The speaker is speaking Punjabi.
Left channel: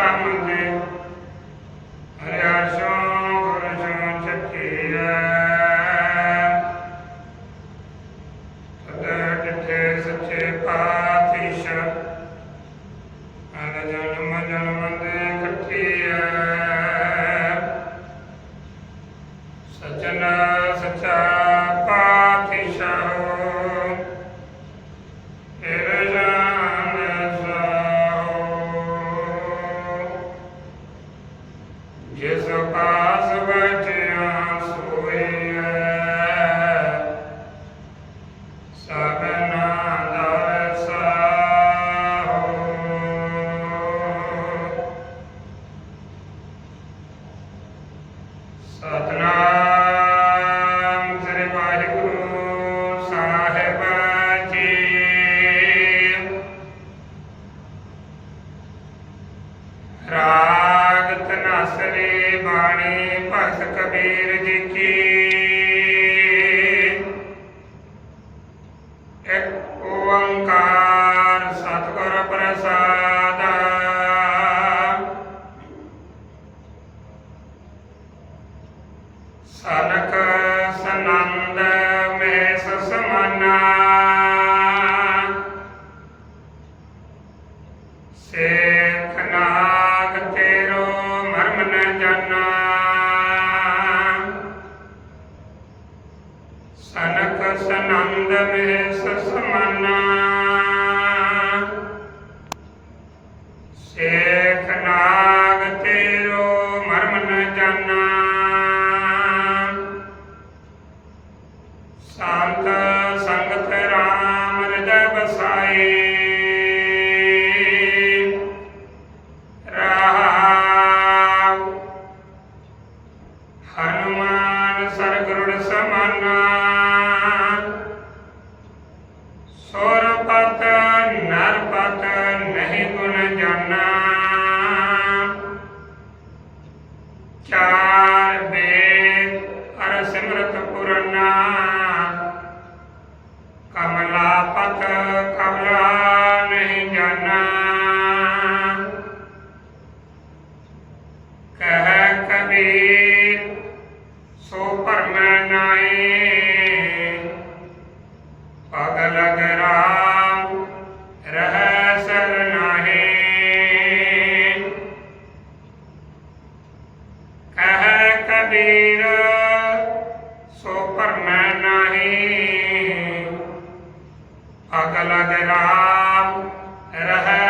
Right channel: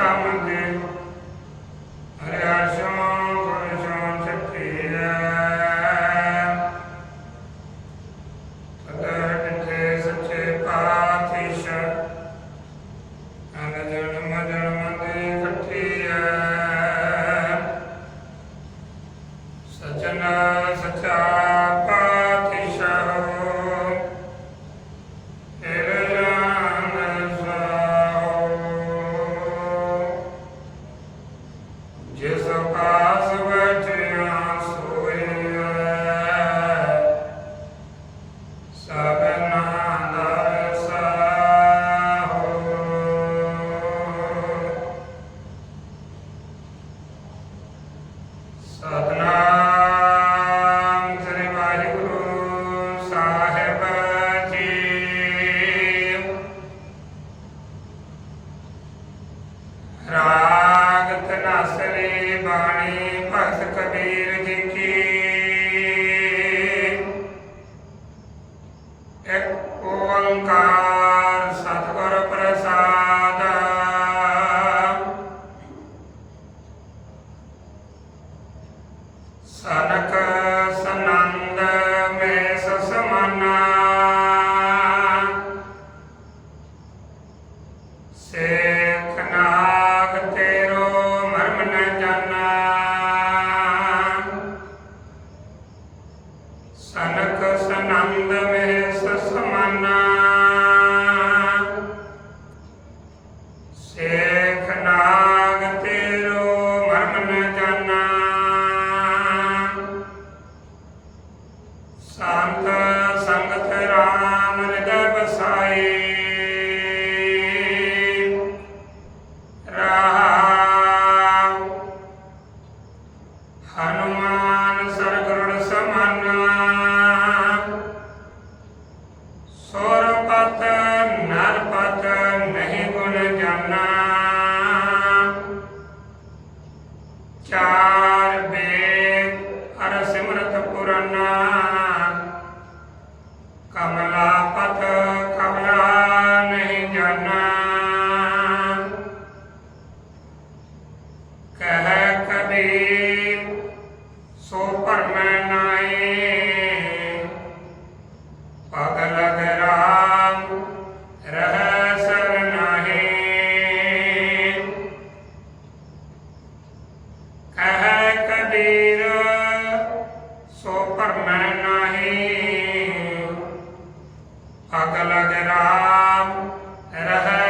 ਸਮਝੇ ਹਰਿਆਸ਼ੋਂ ਗੁਰਸ਼ੋਂ ਚੱਕੀਐ ਤਦ ਕਿਥੇ ਸੱਚੇ ਪਾਤਸ਼ਾਹ ਅਨ ਜਨਮ ਜਨਮ ਦੇ ਇਕੱਠੀਐ ਸਚਨਾ ਸਚਾ ਰਾਗ ਤਨਾਸਰੀ ਬਾਣੀ ਭਗਤ ਕਬੀਰ ਜੀ ਕੀ। ਇੱਕ ਓੰਕਾਰ ਸਤਿਗੁਰ ਪ੍ਰਸਾਦ। ਸਨਕ ਸਨੰਦ ਮਹਿਸ ਸਮਾਨਾ। ਸੇਖ ਸਨੰਦ ਮਹਿਸ ਸਮਾਨਾ ਸੇਖ ਨਾਗ ਤੇਰੋ ਮਰਮ ਨ ਜਾਣਾ ਸੰਤ ਸੰਗਤ ਰਾਮ ਹਿਰਦੈ ਬਸਾਈ ਰਾਮ ਹਨੂਮਾਨ ਸਰਗੁਰੁੜ ਸਮਾਨਾ ਸੁਰਪਤ ਨਰਪਤ ਨਹੀਂ ਗੁਣ ਜਾਣਾ ਚਾਰ ਵੇਦ ਅਰ ਸਿਮਰਤ ਪੁਰਾਨਾ। ਕਮਲਾ ਪਤ ਕਮਲਾ ਨਹੀਂ ਜਾਨਾ। ਕਹਿ ਕਬੀਰ, ਸੋ ਭਰਮ ਨਾਈ ਪਗਲ ਗਰਾਮ ਰਹਿ ਸਰਨਾਹੀ। ਕਹਿ ਕਬੀਰ ਸੋ ਭਰਮ ਨਾਹੀ। ਅਗਲ ਗਰਾਮ ਰਹਿ